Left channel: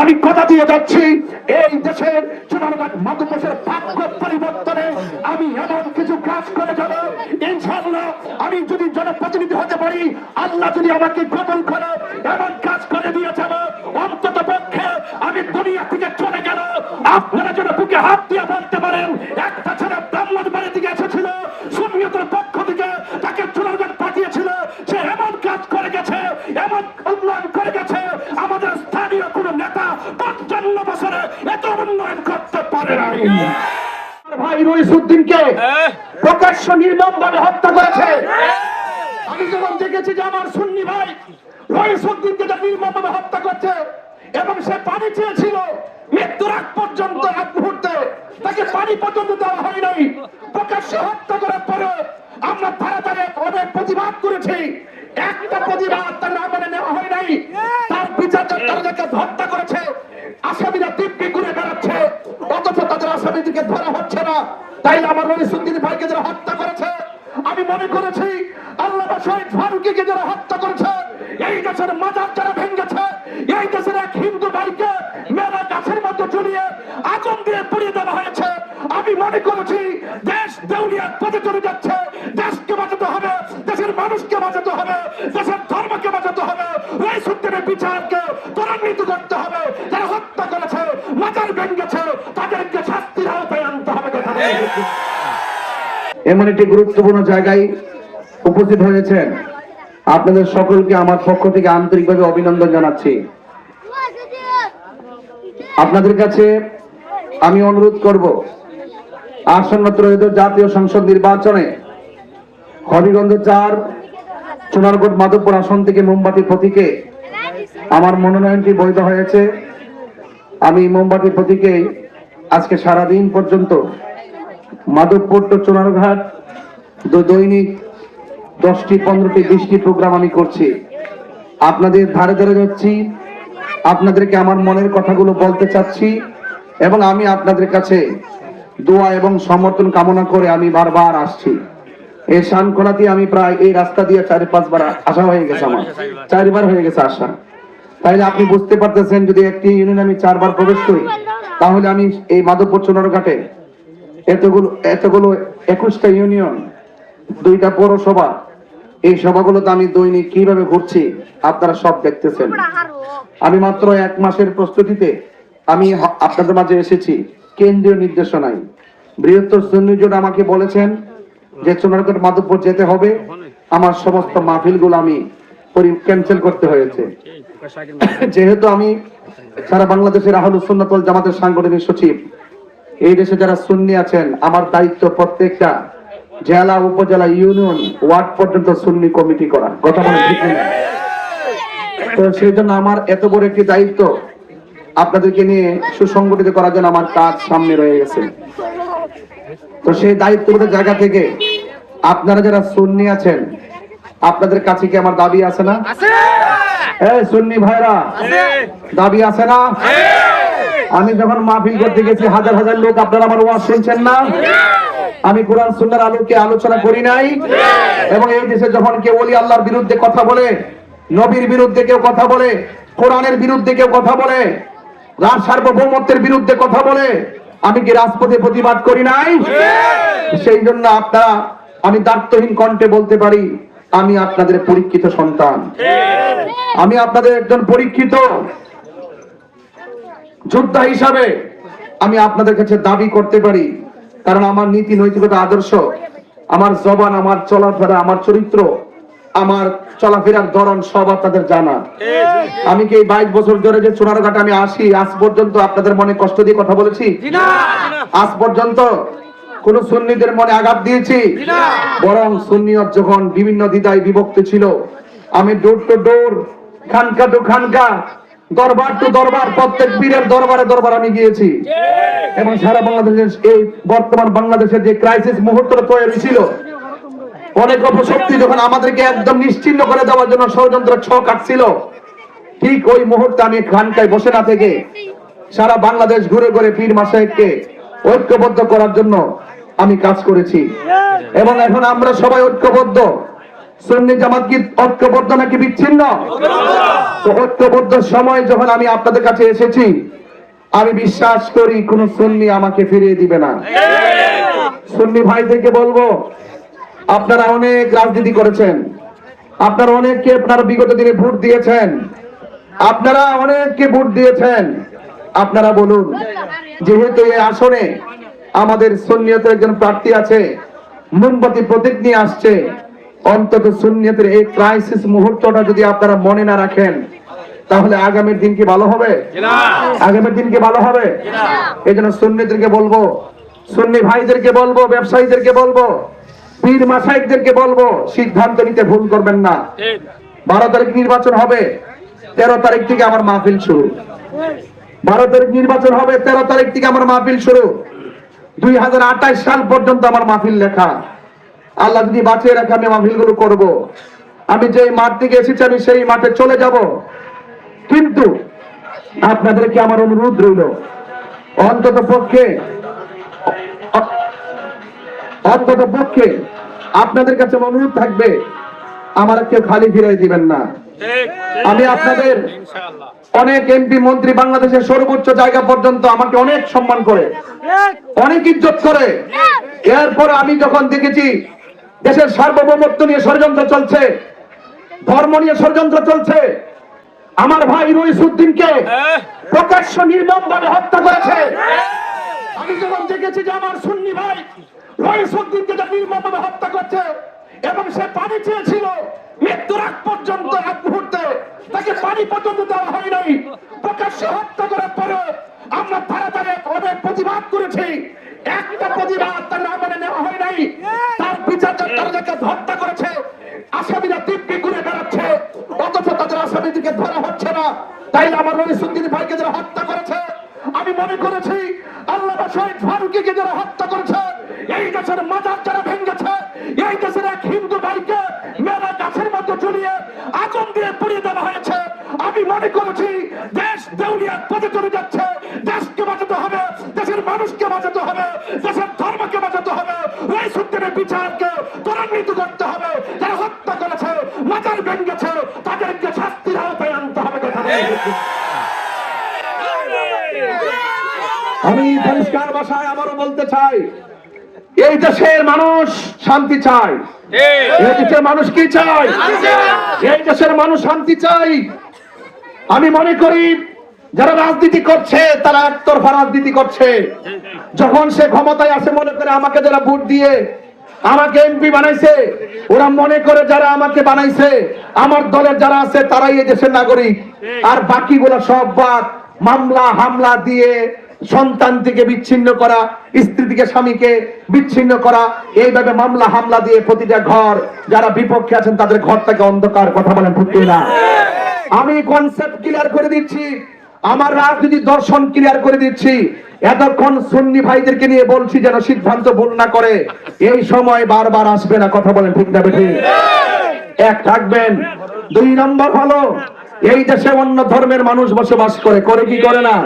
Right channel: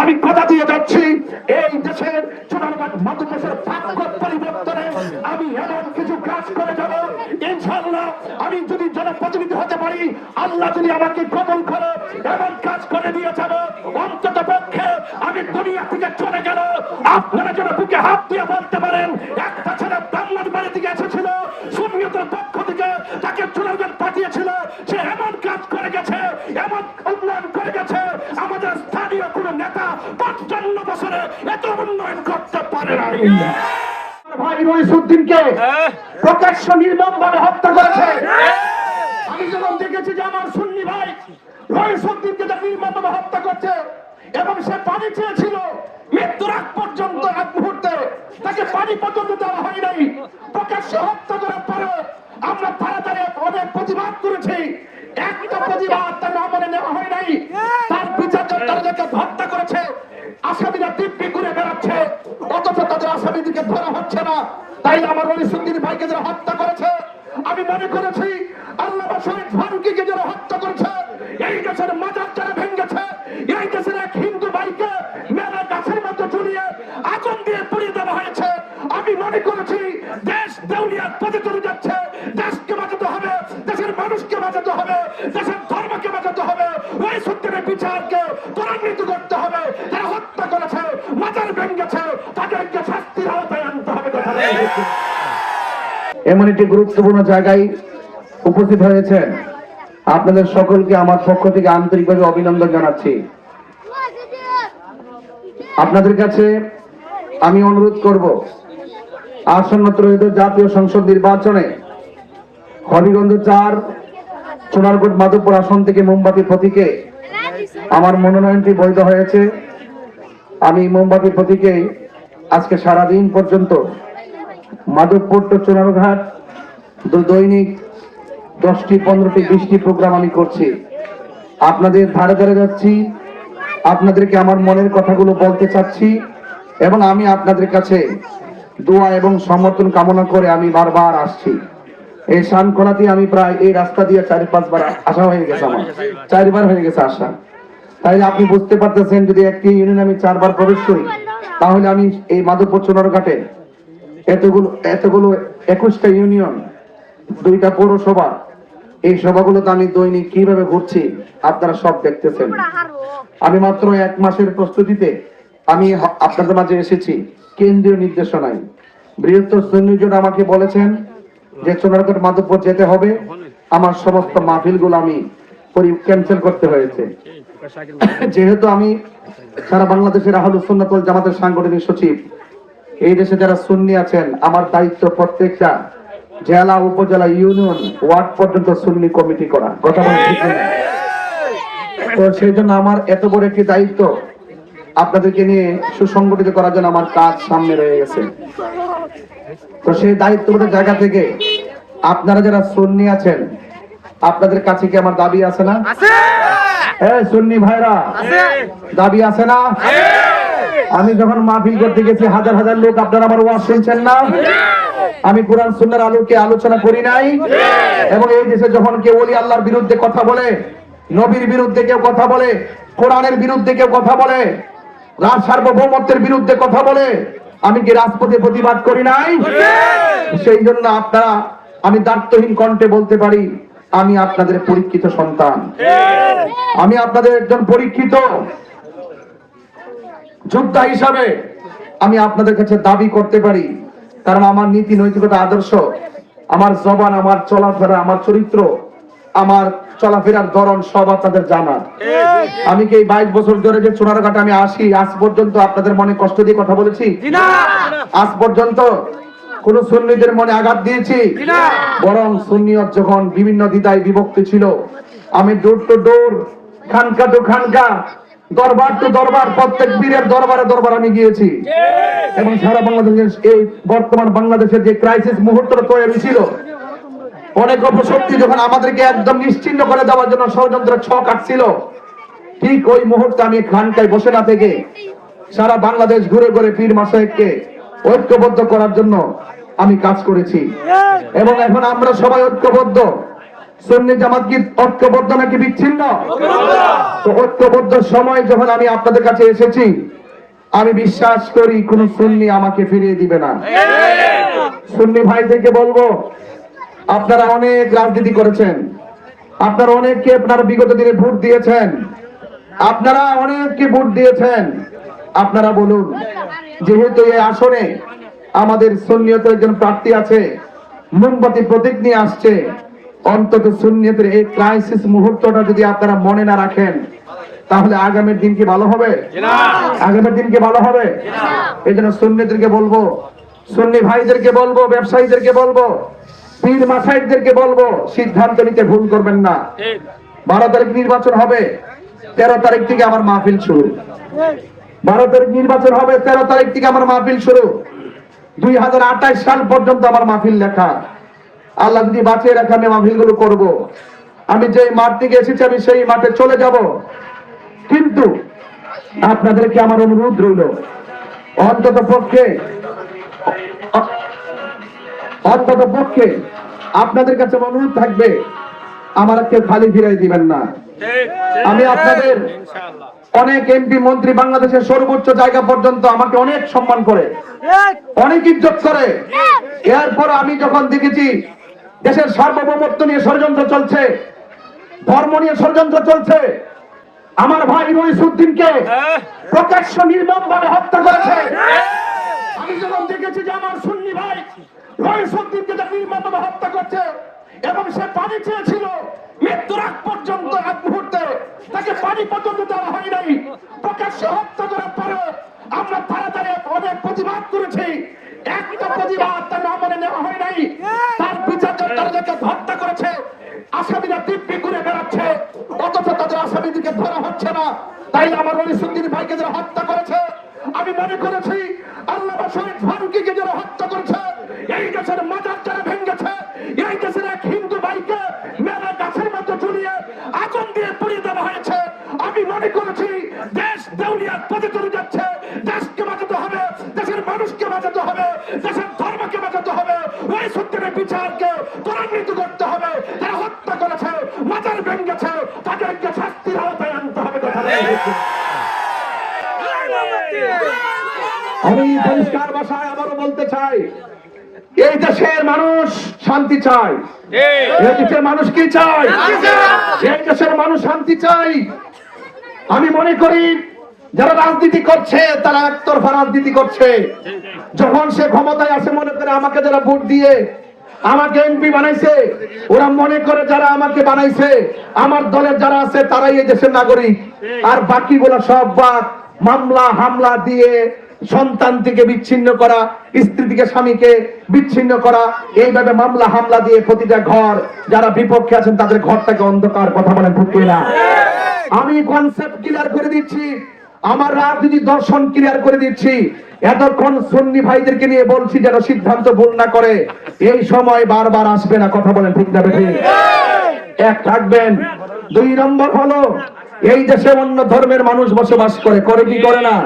আমি কথা দিয়ে যাচ্ছি, এই দেশের চুনারঘাট মধ্যপ্রদেশের ভাগ্য পরিবর্তনে আমি এমন কিছু কাজ করে যাব ইনশাআল্লাহ। আমি যদি জনপ্রতিনিধি হতে পারি, আল্লাহ যদি আমাকে কবুল করে, এমন কাজ করে দিয়ে যাব অন্তত পক্ষে আমি দুনিয়া থেকে চলে গেল আপনারা যেন বুকে হাত দিয়ে বলতে পারেন একটা ছেলে ব্রাহ্মণ বাড়ি থেকে এসেছিল, সুন্নিয়তের পক্ষ থেকে তাকে চুনারঘাট পাঠিয়েছিল, সে এমন কাজ করে গেছে, এমন উন্নয়ন করে গেছে, আমাদের স্থানীয় কোন নেতা ৫৫ বছরে এত উন্নয়ন করতে পারে নাই। ভাই রইসুদ্দিনকে প্রকাশ্য নির্মমভাবে হত্যা করেছে। আমি যখন দেখেছি যে আমার সুন্নি ভাই রইসুদ্দিনকে নির্মমভাবে হত্যা করছে এবং সে পানি চেয়েছিল মৃত্যুর আগ পর্যন্ত, এক মুহূর্তে তাকে পানি পর্যন্ত দেওয়া হয় নাই, প্রকাশ্য হত্যা করার পরেও আমরা ধারে ধারে অনেক প্রতিবাদ করেছি, একটা প্রতিবাদ তার আমলে নেওয়া হয় নাই। তার বিচার যাকে হত্যা করেছে আসামিরা দিব্যি ঘুরে বেড়াচ্ছে, অথচ তাদের আসামিদেরকে ধরা হচ্ছে না। তাই আমার রইসুদ্দিন ভাইকে যারা হত্যা করেছে, আমি মনে করেছি আল্লামা শহীদ ফারুকীকে যারা হত্যা করেছে, এই দেশের মাজার যারা ভেঙেছে, এই দেশের এক হিন্দু ভাইকে মেলা গাছের মধ্যে ঝুলিয়ে আগুন দিয়ে পুড়িয়ে দেওয়া হয়েছে, আমি মনে করেছি দেশ দেউলিয়ার পথে চলে যাচ্ছে, দেশকে বাঁচাতে হবে, দেশের মানুষকে বাঁচাতে হবে, দেশের ধর্মকে বাঁচাতে হবে, রইসুদ্দিনের বিচারকে ত্বরান্বিত করতে হবে। যারা হত্যা করেছে, মাজার ভেঙেছে, তাদেরকে শাস্তির আওতায় আনতে হবে। এমন একটি গুরুত্বপূর্ণ জায়গায় উপস্থিত হয়েছেন, আপনাদের সকলকে আমার পক্ষ থেকে আন্তরিকভাবে অভিনন্দন জানাচ্ছি। আপনাদের কাছে আমি অনুরোধ করব, আসন্ন ত্রয়োদশ জাতীয় সংসদ নির্বাচনে হবিগঞ্জ ৪ চুনারঘাট মাধবপুর আসন থেকে মোমবাতি প্রতীকে আমার মনোনয়নটি বৈধ হয়েছে। আমি মোমবাতি প্রতীকে আজকে সারাদিন পর্যন্ত মাধবপুর টু চুনারঘাট দৈনিক 10টি 15টি 20টি প্রোগ্রাম আমি করছি, আপনাদের ধারে ধারে যাচ্ছি, আপনাদেরকে আমার মনের কথাগুলো বলতে চাচ্ছি এবং আমি আপনাদের কাছে দোয়া এবং সমর্থন কামনা করে আমি বারবার আসছি। এই শানখোলাতে আমি প্রায় এই রাস্তা দিয়ে 4-5 বার আসা হয়ে গেছে, আমার 4 বার হয়ে গেছে আসা। তাই আপনি বুঝতে পারতেছেন, যদি একটি ইউনিয়নে আমি 4 বার প্রবেশ করি, তাহলে আমি এই মাধবপুর চুনারঘাটে এতগুলো 21টা ইউনিয়ন, 2টা পৌরসভা, এই সভাগুলোতে আমি দৈনিক কিভাবে ঘুরছি আপনারা সব দেখতেছেন। আমি মাত্র 1 মাসের প্রস্তুতিতে আমি আপনাদের মাঝে এসেছি কেন্দ্রীয় নির্দেশনায়। বৃহত্তর সুন্নি জোট আমাকে বলেছেন যে চুনারঘাট মাধবপুর যেতে হবে, আমার সমস্ত মাহফিলগুলো আমি ক্যান্সেল করতে হয়েছে। যেহেতু আমি সারা বাংলাদেশের আহলুস সুন্নাত ওয়াল জামাতের সাংগঠনিক সচিব, এই দেশে যারা সুন্নি আছেন, আমার দায়িত্ব প্রত্যেকটা জেলা, উপজেলা, ইউনিয়ন, ওয়ার্ড পর্যন্ত সুন্নি কমিটি করা। কথা বলে ঠিক না? তো সেই জন্য আমার এত বড় একটি দায়িত্ব আপনাদেরকে নিয়ে সুসংগঠিত করার জন্য আমার কাজ সামনে রয়ে গেছে। তো সেই দায়িত্বগত জায়গা থেকে আপনারা যারা সুন্নি আছেন, আপনাদের কাছে কি আমার দাবি আছে না? সুন্নি ভাইরা, দাবি আছে না? আমি যখন মাহফিল করতে গেছি, হাজার হাজার লোক, আপনারা আমার ওয়াজ শুনছেন না? আমি কোরআন সুন্নাহর আলোকে আলোচনা করি নাই? এবং এই দেশে যখন কেউ ওলি আল্লাহর বিরুদ্ধে কথা বলে, নবীর বিরুদ্ধে কেউ কথা বলে, কোরআনের বিরুদ্ধে কেউ কথা বলে, রাজ সার্বভৌমত্বের বিরুদ্ধে কথা বলে, আমি কি রাজপথে প্রতিবাদ করি নাই? সেই জন্য আপনারা, আমি দায়িত্বহীন কণ্ঠে বলতে পারি, আমি আপনাদের পরীক্ষিত সন্তান, আমি আপনাদের একজন পরীক্ষিত যোদ্ধা হিসাবে আমি আপনাদের কাছে দাবি করতে পারি। কারণ আমার নীতি, নৈতিকতা, আদর্শ, আমার জবান, আমার চলাফেরা, আমার চরিত্র, আমার চলাফেরার ধরন সব আপনাদের জানা। আমি কি এই 22 বছর ধরে যে চুনারঘাটে আমি আসি, আজ পর্যন্ত আপনাদের মনে কষ্ট দিয়ে কথা বলেছি? আজ পর্যন্ত কোন সুন্নিদের মনে আঘাত দিয়েছি? বরং সুন্নিয়ত যখন বিভিন্ন দ্বিধায় বিভক্তি ছিল, আমি ডোর টু ডোর, খানকা টু খানকা, দরবার টু দরবার, প্রত্যেক পীরের দরবারে দরবার আমি গিয়েছি। এবং সারা বাংলাদেশের এই বর্তমান বাংলাদেশের যে ক্রাইসিস মুহূর্ত তৈরি ছিল, অনেক অপশক্তি যখন আমাদেরকে একদম নিশ্চিহ্ন করে দেওয়ার জন্য ষড়যন্ত্র ছক আঁকছিল, ঠিক ওই মুহূর্তে আমি খানকায় বসে না থেকে সারা বাংলাদেশ ঘুরে ঘুরে পীর মাশায়েখকে ঐক্যবদ্ধ করার জন্য আমি কাজ করেছি। এবং এখন আমরা সবাই ঐক্যবদ্ধ। সুন্নি জামাত কি ঐক্যবদ্ধ নাকি বিচ্ছিন্ন? তো ঐক্যবদ্ধ সময় যখন আমি আপনাদের কাছে এসেছি, আমি বিশ্বাস করি কোন সুন্নি আমাকে ফিরিয়ে দিবে না। সুন্নি ভাইদেরকে বলবো, আপনারা অনেক রাজনীতি করেছেন, আপনারা অনেককে আপনারা বিগত দিনে ভোট দিয়েছেন, আপনারা অনেককে ভোট দিয়েছেন। আপনারা বলুন, যেহেতু এই আসনে আমাদের সুন্নিয়তের একজন প্রার্থী আছে, মোমবাতি প্রতীক নিয়ে আসছে, অন্তত সুন্নিয়তের এই ক্রাইসিস মুহূর্তটা যদি আপনারা মনে না রাখেন, তাহলে আগামীর দিন কি ভালো হবে? আগামীর দিন কি ভালো হবে? এই জন্য সুন্নিদেরকে বলবো, সুন্নি ভাইদেরকে বলবো, ব্যবসায়ীদেরকে বলবো, পীর মাসায়েখদেরকে বলবো, সিদ্ধান্ত নিতে ভুল করবেন না। 12 তারিখ নির্বাচন হবে, 13 তারিখ থেকে আমার মাহফিল শুরু। 12 তারিখ নির্বাচন হবে, 13 তারিখ থেকে আমার মাহফিল শুরু। 2028 সাল পর্যন্ত আমার মাহফিল লেখা। আল্লাহ যদি বাঁচিয়ে রাখে আমি মাহফিল গুলো করবো। আমি যে মাঠ থেকে এসেছি আমি সেই মাঠে চলে যাব। কিন্তু আপনাদেরকে আমার অনুরোধ রইল, অন্তত পক্ষে আপনাদের কাছে অনুরোধ থাকবে, আমার কেউ খালি ফিরাই দিবেন না। আমি আপনাদের অনেক এমপি মন্ত্রী বাংলাদেশের সর্বোচ্চ জায়গা পর্যন্ত আমাকে অনেক সম্মান করে, অনেক ইজ্জত করে। এরপর আমি যখন দেখেছি দেশের সার্বভৌমত্ব নিয়ে ষড়যন্ত্র চলছে, ধর্ম নিয়ে ষড়যন্ত্র চলছে, আমার ভাই রইসুদ্দিনকে প্রকাশ্য নির্মমভাবে হত্যা করেছে, আমি যখন দেখেছি যে আমার সুন্নি ভাই রইসুদ্দিনকে নির্মমভাবে হত্যা করছে এবং সে পানি চেয়েছিল মৃত্যুর আগ পর্যন্ত, আগ মুহূর্তে তাকে পানি পর্যন্ত দেওয়া হয় নাই, প্রকাশ্য হত্যা করার পরে আমরা তাড়াতাড়ি অনেক প্রতিবাদ করেছি। একটা প্রতিবাদ তার না মানে নেওয়া হয় নাই। তার বিচার তাদেরকে হত্যা করেছে, আসামিরা দিব্যি ঘুরে বেড়াচ্ছে, অথচ তাদের আসামিদেরকে ধরা হচ্ছে না। তাই আমার রইসুদ্দিন ভাইকে যারা হত্যা করেছে, আমি মনে করেছি আল্লামা শহীদ ফারুকীকে যারা হত্যা করেছে, এই দেশের মাজার যারা ভেঙেছে, এই দেশের এক হিন্দু ভাইকে মেলা গাছের মধ্যে ঝুলিয়ে আগুন দিয়ে পুড়িয়ে দেওয়া হয়েছে, আমি মনে করেছি দেশ দেউলিয়ার পথে চলে যাচ্ছে। দেশকে বাঁচাতে হবে, দেশের মানুষকে বাঁচাতে হবে, দেশের ধর্মকে বাঁচাতে হবে, রইসুদ্দিনের বিচারকে ত্বরান্বিত করতে হবে। যারা হত্যা করেছে, মাজার ভেঙেছে, তাদেরকে শাস্তির আওতায় আনতে হবে। আমি পরিষ্কার ভাষায় আবারও বলতে চাই, এই দেশের মানুষ শান্তি চায়। এই দেশের মানুষ কি চায়? এই দেশের মানুষ শান্তি চাই। আমি মনে করি যারা রাজনীতি করছে তারা একতরফা রাজনীতি করছে। যখন সে ক্ষমতায় আসে মনে করে আমাকে যারা ভোট দিয়ে আমাকে এমপি বানাইছে, ওরা মনে করে যারা আমাকে বানাইছে আমার দলের যারা আছে তারাই এই দেশের নাগরিক, আর বাকিগুলো সব বাদ। মামলা হামলা দিয়ে সন্তান থেকে বিচ্ছিন্ন করা, স্ত্রী থেকে স্বামীকে বিচ্ছিন্ন করা, এইভাবে মামলা হামলা দিয়ে প্রতিটা ঘর যারা বিপক্ষে আছেন তাদের ঘরটাকে অন্ধকার। কথা বলেন ঠিক না? আমি কনসেপ্ট ক্লিয়ার করে দিচ্ছি, আমার রাজনীতি দর্শন ক্লিয়ার করে দিচ্ছি। এতক্ষণ সুন্নি ভাইদেরকে নিয়ে বলছি যেন সিদ্ধান্ত ভুল না করে, এই সময় বারবার আসবে না। কথা বলেন ঠিক না বেঠিক? এক থাকবেন। 2 নম্বর হলো, এই দেশে অন্য ধর্মের মানুষ বসবাস করে, করে কি করে না?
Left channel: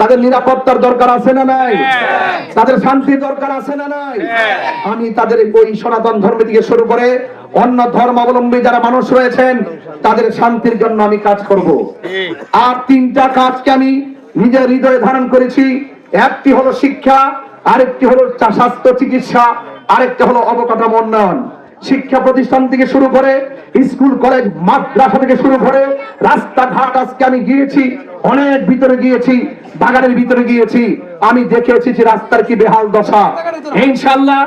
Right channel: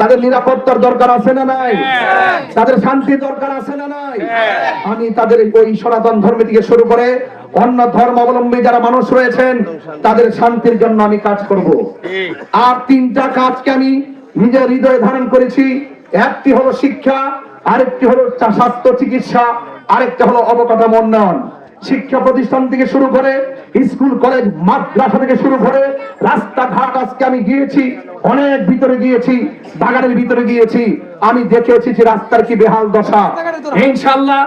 তাদের নিরাপত্তার দরকার আছে না নাই? তাদের শান্তির দরকার আছে না নাই? আমি তাদের ওই সনাতন ধর্ম থেকে শুরু করে অন্য ধর্মাবলম্বী যারা মানুষ রয়েছেন তাদের শান্তির জন্য আমি কাজ করব। আর 3টা কাজকে আমি নিজের হৃদয়ে ধারণ করেছি। একটি হলো শিক্ষা, আরেকটি হলো স্বাস্থ্য চিকিৎসা, আরেকটা হলো অবকাঠামো উন্নয়ন। শিক্ষা প্রতিষ্ঠান থেকে শুরু করে স্কুল কলেজ মাদ্রাসা থেকে শুরু করে রাস্তাঘাট আজকে আমি গিয়েছি, অনেক ভিতরে গিয়েছি, বাগানের ভিতরে গিয়েছি, আমি দেখে এসেছি রাস্তার কি বেহাল দশা। ইনশাআল্লাহ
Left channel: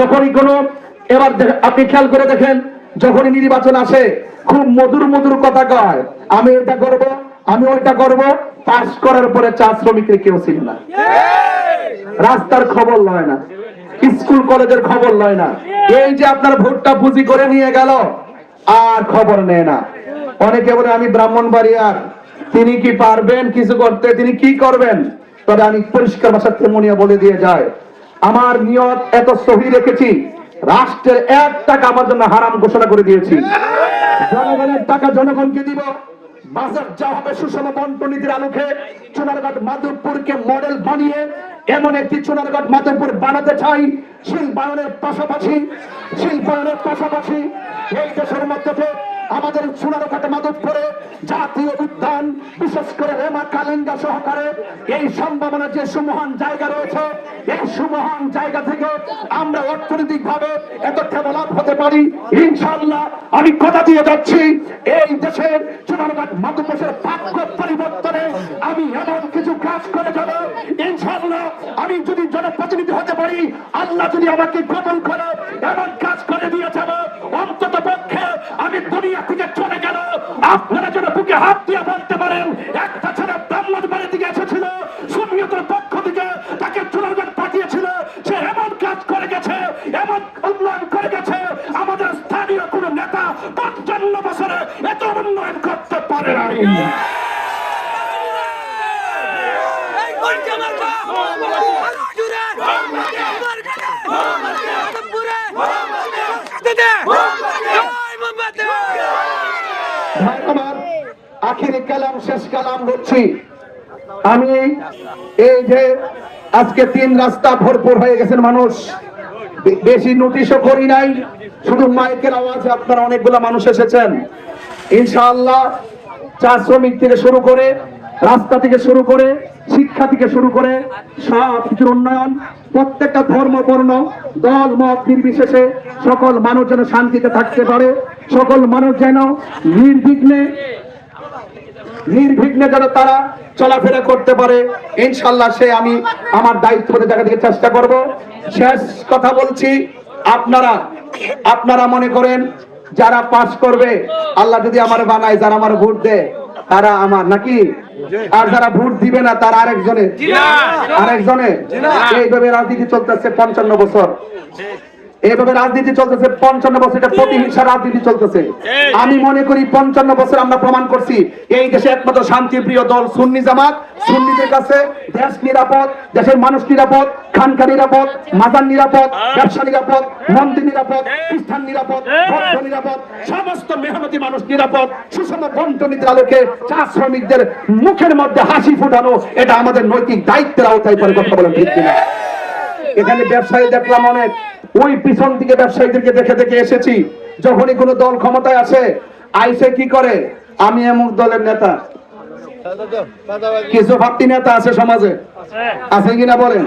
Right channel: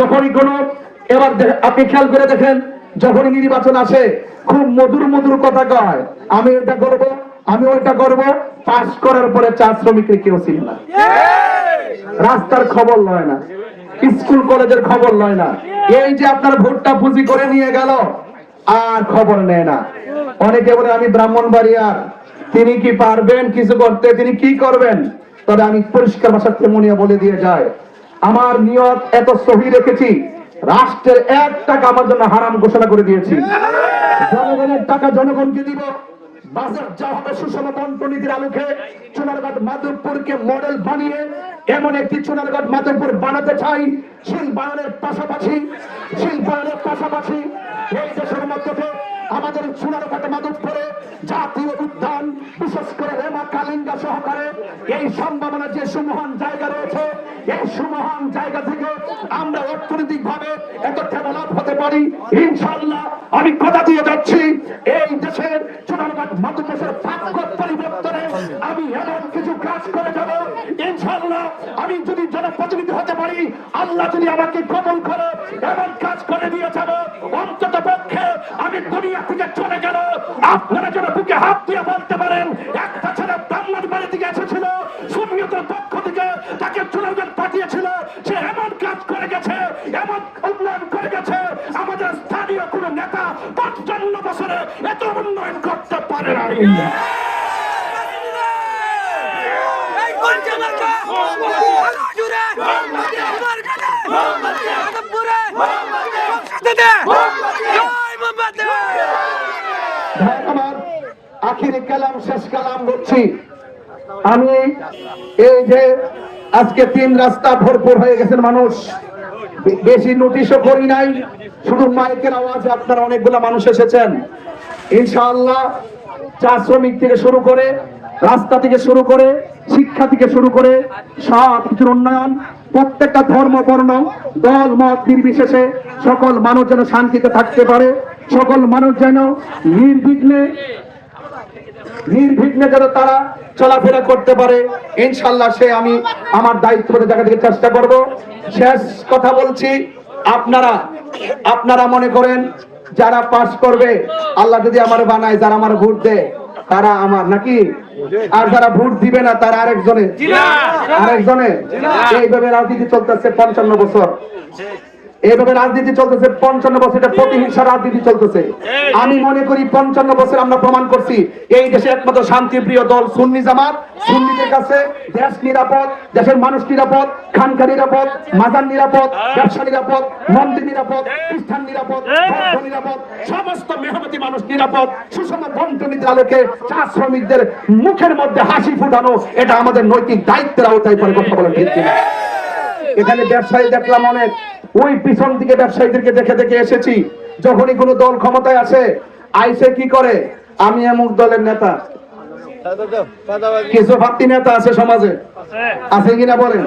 যখনই কোনো এবার আপনি খেয়াল করে দেখেন, যখনই নির্বাচন আসে খুব মধুর মধুর কথা কয়, আমি এটা করব, আমি ওইটা করব, পাস করার পরে চা শ্রমিকের কেউ ছিল না, রাস্তার খবর লয় না, স্কুল কলেজের খবর লয় না। এই যে আপনার ভোটটা পুঁজি করে নিয়ে গেল আর খবর নেয় না। অনেকে বলে আমি ব্রাহ্মণবাড়িয়া, তিনি কি পারবেন কিছু করতে, তিনি কি করবেন? তবে আমি পরিষ্কার ভাষার তেমনিয়া বলে দিয়ে যায়, আমার নিয়ত এত সহি রেখেছি, রাষ্ট্রের 1 টাকা আমার জন্য হারাম ঘোষণা করে দিয়েছি। জনগণের টাকা জনগণকে দিব, বাজার যাওয়া হবে সুষম বন্টন নীতির আলোকে চুনারগড় মাধবপুরকে মডেল বানিয়ে এমন একটি চুনারগড় মাধবপুর বানাতে চাই শিল্পায়নের পাশাপাশি এই দেশের মধ্যে আমাদের চুনারগড় মাধবপুরে জাতীয় উদ্যান বিশেষ করে রেমা কালিঙ্গা সহকারে এই সম্ভাবনা যে সুমহান জায়গা রয়েছে এই সুমহান জায়গা থেকে আমরা অর্থনৈতিক ভাবে এত ডেভেলপ হতে পারি ইনশাআল্লাহ। আমি কথা দিয়ে যাচ্ছি এই দেশের চুনারগড় মাধবপুরের ভাগ্য পরিবর্তনে আমি এমন কিছু কাজ করে যাব ইনশাআল্লাহ। আমি যদি জনপ্রতিনিধি হতে পারি, আল্লাহ যদি আমাকে কবুল করে এমন কাজ করে দিয়ে যাব, অন্তত পক্ষে আমি দুনিয়া থেকে চলে গেল আপনারা যেন বুকে হাত দিয়ে বলতে পারেন একটা ছেলে বাংলার বাড়ি থেকে এসেছিল সুন্নিয়তের পক্ষ থেকে তাকে চুনারগড় পাঠিয়েছিল, সে এমন কাজ করে গেছে, এমন উন্নয়ন করে গেছে, আমাদের স্থানীয় কোন নেতা ৫৫ বছরে এত উন্নয়ন করতে পারে নাই। আখিরি কালাম শেষ কালাম বলছি আমি। এই যে আজকে ৩ রাস্তা ভরপুর হয়ে গেছেন মানুষ, বেশি নোটিশও করি নাই, শুধু মাইকের আওয়াজে আপনারা অনেকগুলো মানুষ এসেছেন। ইনশাআল্লাহ চা শ্রমিক থেকে শুরু করে, রাস্তা থেকে শুরু করে, শিক্ষা থেকে শুরু করে সব কিছুর উন্নয়ন, প্রত্যেকটা ধর্ম বর্ণ দল মত নির্বিশেষে সকল মানুষ যেন শান্তিতে থাকতে পারে, সকল মানুষ যেন নির্বিঘ্নে যেন তারা চলাফেরা করতে পারে ইনশাআল্লাহ। সে আমি আমার দায়িত্ববোধের জায়গা থেকে চেষ্টা করব। শেষ কথা বলছি, আপনারা মনে করেন যারা পাস করবে, আল্লাহ যদি আমার বানায়, যারা আমার ভোট দেয় তারা আমার নাকি, আর যারা ভোট দিবে না তারা আরেকজনে। এইভাবে রাজনীতি চলতেছে 55 বছর, এইভাবে রাজনীতি চলতেছে 55 বছর, এটা প্রতিহিংসা রাজনীতি চলতেছে। আমি মনে করি 55 বছর আমরা প্রমাণ করছি এই দেশে একমাত্র শান্তিপ্রিয় দল সুন্নি জামাত। সুন্নিদের কাছে দেশ নিরাপদ, দেশের মানুষ নিরাপদ, খানকা নিরাপদ, মাজার নিরাপদ, ব্যবসা নিরাপদ, মন্দির নিরাপদ, খ্রিস্টান নিরাপদ, বৌদ্ধ নিরাপদ, সমস্ত মেহনতি মানুষ নিরাপদ। সুষম বন্টনীতির আলোকে চা শ্রমিকদের মুখের মধ্যে হাসি ফুটানো এটা আমাদের নৈতিক দায়িত্বের আওতায় পড়ে, কথা বলেন ঠিক কিনা? এখানে ব্যবসায়ী দেখলাম অনেক, ওই পিছন দিকে ব্যবসায়ীদেরকে দেখে দেখে এসেছি। যখনই কোনো দল ক্ষমতায় আসে, আইসে কি করে, আমি এমন দলের নেতা। কিছু ভাবতি নেতা আছে সমাজে, আছে কিনা বলেন?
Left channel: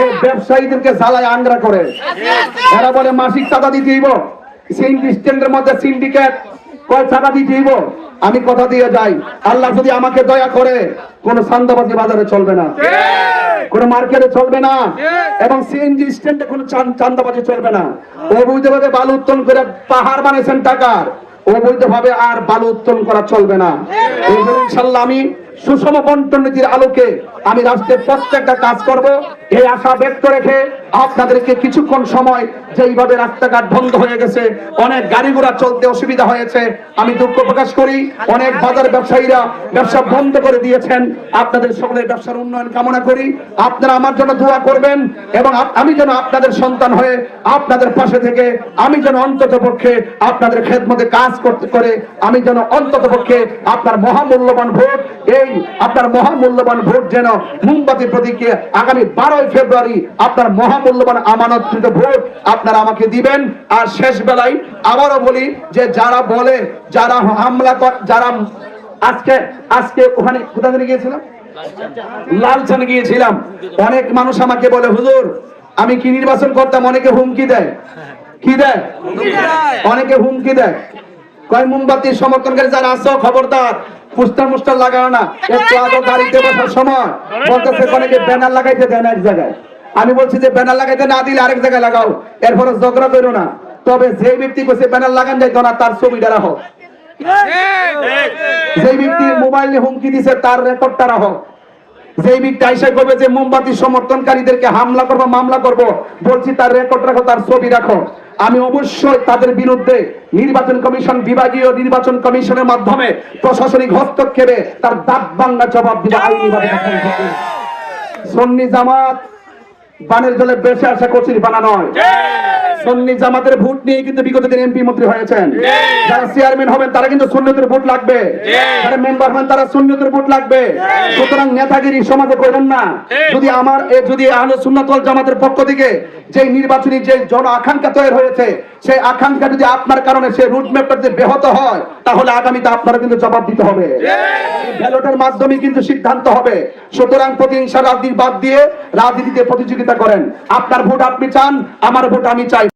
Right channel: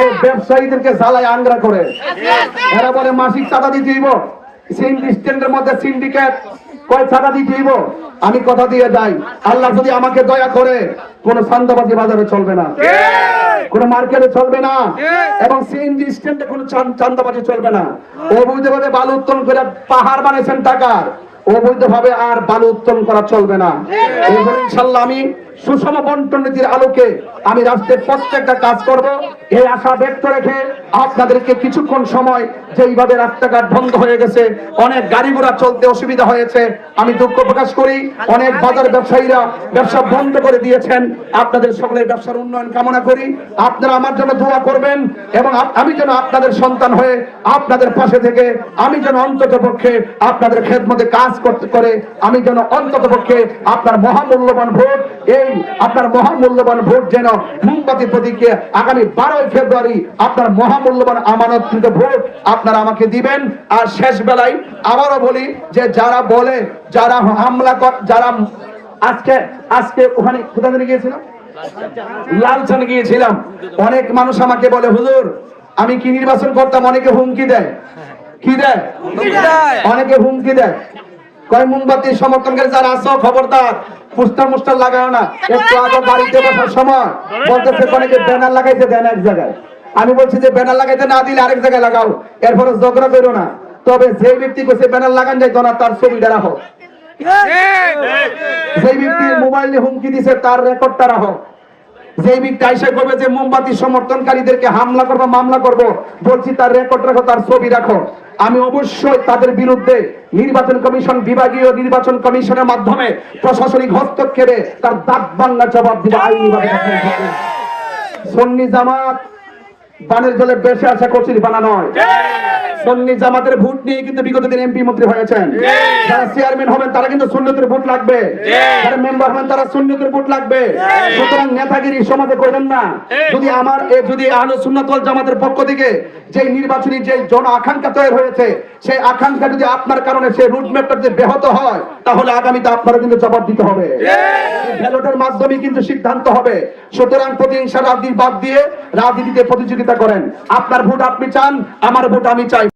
এই ব্যবসায়ীদেরকে জ্বালায় আংরা করে, এরা বলে মাসিক চাঁদা দিতে হইব, সিন্ডিকেটের মধ্যে সিন্ডিকেট কয় চাঁদা দিতে হইব। আমি কথা দিয়ে যাই, আল্লাহ যদি আমাকে দয়া করে কোন চাঁদাবাজি বাজারে চলবে না, কোন মার্কেটে চলবে না, এবং সিএনজি স্ট্যান্ডে কোন চাঁদাবাজি চলবে না। অবৈধভাবে বালু উত্তোলন করে পাহাড় বানিয়েছেন টাকার, অবৈধভাবে আর বালু উত্তোলন করা চলবে না। ইনশাআল্লাহ আমি সুষম বন্টন নীতির আলোকে আমি রাষ্ট্রের প্রত্যেকটা কাজ করব, এই আশা ব্যক্ত রেখে আপনাদেরকে কিছুক্ষণ সময় যেইভাবে রাস্তাঘাট বন্ধ হয়ে গেছে, অনেক গাড়ি ঘোড়া চলতে অসুবিধা হয়েছে, আমি দুঃখ প্রকাশ করি। অনেক বাজার ব্যবসায়ীরা ব্যবসা বন্ধ করে দিয়েছেন, আপনাদের সকলের ব্যবসার উন্নয়ন কামনা করি। আপনারা আমার জন্য দোয়া করবেন এবং আমি যেন আপনাদের সন্তান হয়ে আপনাদের পাশে থেকে আমি যেন অন্তত পক্ষে আপনাদের খেদমতে কাজ করতে পারে, আমি যেন অন্তত পক্ষে আপনার মহামূল্যবান ভোট, এই আপনার মহামূল্যবান ভোট যেন মোমবাতি প্রতীকে আগামী 12 ফেব্রুয়ারি আপনার মহামূল্যবান আমানতকৃত ভোট আপনারা আমাকে দিবেন। আর শেষ বেলায় আবারও বলি যে যারা বলে, যারা হামলা যারা আজকে ওখানে কোথায় গিয়েছিলাম, লালচনে গিয়েছিলাম, অনেক মানুষ আমাকে বলে হুজুর আমি কি নির্বাচন করতাম, অনেকে হুমকি দেয়, কি দেয়, অনেকে হুমকি দেয়, কয় মোমবাতির সমর্থনকারী যারা আছো খবরদার পোস্টার মোস্টার লাগানো না। একটু আগে গাড়িতে বসার সময় বলতেছে অনেকে ব্যানার লাগাইতে দেন এক জায়গায়, আমি বলছি যে ব্যানার লাগাইতে না দিলে আরেক জায়গায় লাগাও, এরপরে ঝগড়া করো না। তবে যে ব্যক্তি কইছে ব্যানার লাগান যায় না তার ছবিটা রাখো, যে ব্যক্তি মোবাইল নিয়ে হুমকি দিছে তার রেকর্ডটা রাখো, যে ব্যক্তি আইসা করবে যে মোমবাতি সমর্থনকারীদেরকে হামলা করবো মামলা করব, বলছি তার রেকর্ড রাখো, তার ছবি রাখো। আমি অবশ্যই তাদের বিরুদ্ধে নির্বাচন কমিশন, বিভাগীয় নির্বাচন কমিশনের মাধ্যমে প্রশাসনিক হস্তক্ষেপে তার দাঁত বাংলা জবাব দিব আইনিভাবে। সুন্নি জামাত বানের জলে বেশি আসা কচির বানা নয়, সুন্নি জামাতের ভোট নিয়ে কিন্তু বিগত দিন এমপি মন্ত্রী হয়েছেন। যারা চেয়ারম্যান হবেন তারা কিন্তু সুন্নিতের ভোট লাগবে, যারা মেম্বার হবেন তারা সুন্নিতের ভোট লাগবে। সুতরাং নেতাগিরি সমাজে করবেন না। যদি আহলে সুন্নাত ওয়াল জামাতের পক্ষ থেকে যে নির্বাচনী যে জন আকাঙ্ক্ষা তৈরি হয়েছে, সেই আকাঙ্ক্ষা যদি আপনার কারণে সেই রুটম্যাপটা যদি ব্যাহত হয়, তাহলে আগামীতে আপনারা কিন্তু জবাব দিতে হবে। ব্যালটের মাধ্যমে কিন্তু সিদ্ধান্ত হবে। সুতরাং প্রতিহিংসা রাজনীতি বাদ দিয়ে রাজনীতিতে প্রতিযোগিতা করেন। আপনার ভোট আপনি চান, আমার ভোট আমি চাই।